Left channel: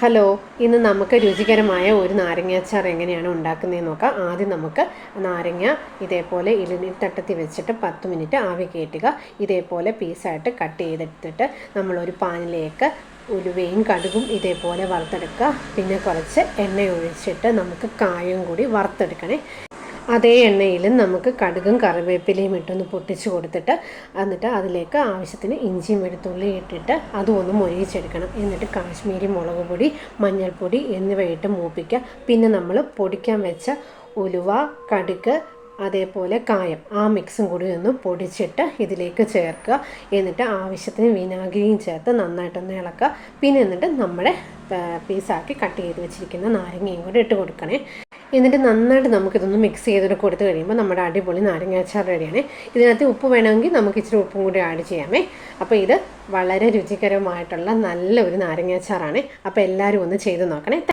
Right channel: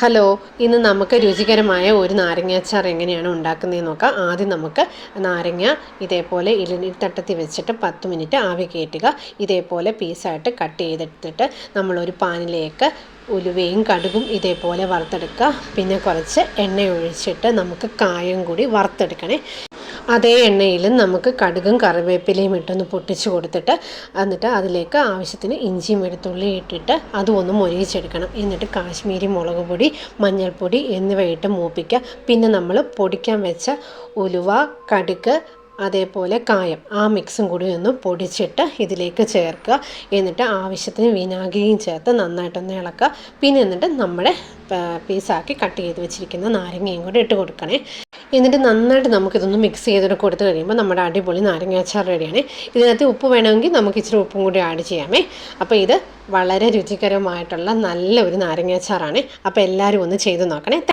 Hello, ഇന്ന് നമുക്ക് രുചികരമായ ഒരു നാരങ്ങാച്ചാർ എങ്ങനെയാണ് ഉണ്ടാക്കുന്നതെന്ന് നോക്കാം. ആദ്യം നമുക്ക് നാരങ്ങ ഇതേപോലെ ഇലനീർത്തട്ടത്തിൽ വെച്ചിട്ട് 10 മിനിറ്റ് ആവി കയറ്റുക. ഇതേപോലെ പീസായിട്ട് കട്ട് ചെയ്തെടുത്തിട്ട് നമ്മളൊരു പാനിലേക്ക് ഉലുവയും കടുകും ഇതേപോലെ വറുത്തെടുക്കുക. പിന്നെ കുറച്ച് എണ്ണ ഒഴിച്ചിട്ട് നമുക്ക് കായം കൂടി വറുത്തെടുക്കണേ. അതേ എണ്ണയിൽ നമുക്ക് കടുകും കറിവേപ്പിലയും ഇട്ടൊന്ന് പൊട്ടിച്ച് കൊടുത്തിട്ട് എന്നിട്ട് അതിലേക്ക് ആവശ്യത്തിന് ഇഞ്ചിയും വെളുത്തുള്ളി ഇട്ടിട്ട് അതും ഒന്ന് മൊരിയിച്ചെടുക്കണം. എന്നിട്ട് കാശ്മീരി മുളക് പൊടി, മഞ്ഞൾപ്പൊടി എന്നിവ ഇട്ട് മൂപ്പിക്കുക. പിന്നെ നമ്മൾ പൊടിക്കാൻ വെച്ച ഉലുവ, കടുക് അതേപോലെ കായം ആ മിക്സും കൂടി ഒന്ന് പൊടിച്ചിട്ട് ഇതിലേക്ക് ചേർക്കുക. എന്നിട്ട് ആവശ്യത്തിന് വിനാഗിരിയും ചേർത്ത് നന്നായിട്ടൊന്ന് ഇളക്കുക. പിന്നെ എന്നിട്ട് നമ്മുടെ പീസാക്കി കട്ട് ചെയ്ത് വെച്ചിരിക്കുന്ന നാരങ്ങയും കൂടി ഇട്ട് കൊടുക്കണേ. എന്നിട്ട് നന്നായിട്ട് നമുക്കിതൊന്ന് മിക്സ് ചെയ്തിട്ട് കൊടുത്ത് കഴിയുമ്പോൾ നമ്മുടെ അടിപൊളി നാരങ്ങാച്ചാർ റെഡിയാണ്. ഇതിനകത്ത് ഉപ്പ് വേണമെങ്കിൽ നമുക്ക് ഇച്ചിരി ഉപ്പും കൂടി ആഡ് ചെയ്യാമേ. അപ്പോൾ ഇത് വളരെ രുചികരമായിട്ടുള്ള നല്ല ഒരു നാരങ്ങാച്ചാറാണ്. അപ്പോൾ എല്ലാവരും ഒന്ന് ചെയ്ത് നോക്കണേ.